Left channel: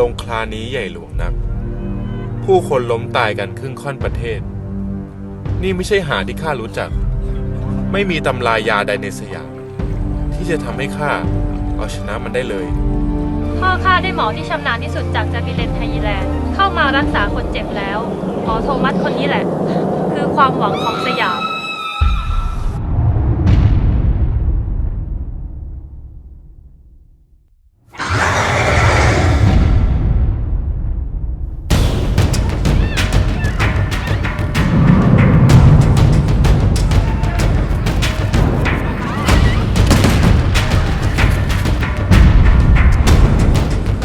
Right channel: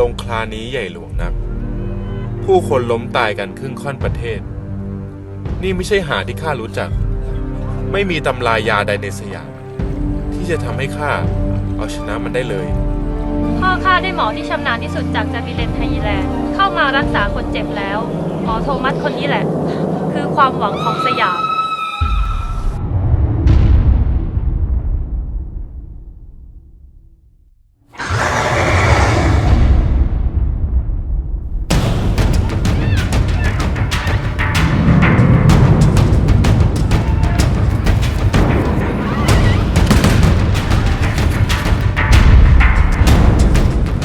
ลงคลานี้ใหญ่หลวงนัก ผู้คนล้มตายกันครึ่งค่อนประเทศ นี่ไม่ใช่หาที่ข้ารู้จัก ไม่มีตำรายาใดในสยาม ที่จะทำให้ข้าเอาชนะมันได้เลย พ่อข้าได้หมอที่ชำนาญที่สุดจากจาบิเลนไทยแลนด์เข้ามารักษาคนเจ็บแล้ว หมอโทมัสคนนี้แหละ คือความหวังของสยาม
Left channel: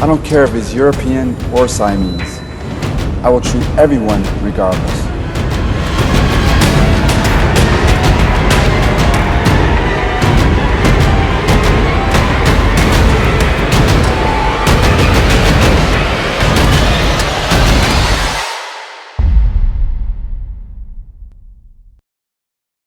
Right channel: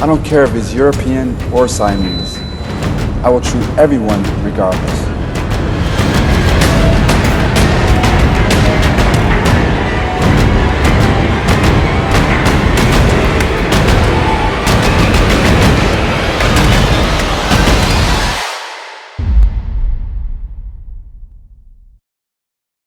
I don't care if he's European or Siamese. I will treat everyone regardless.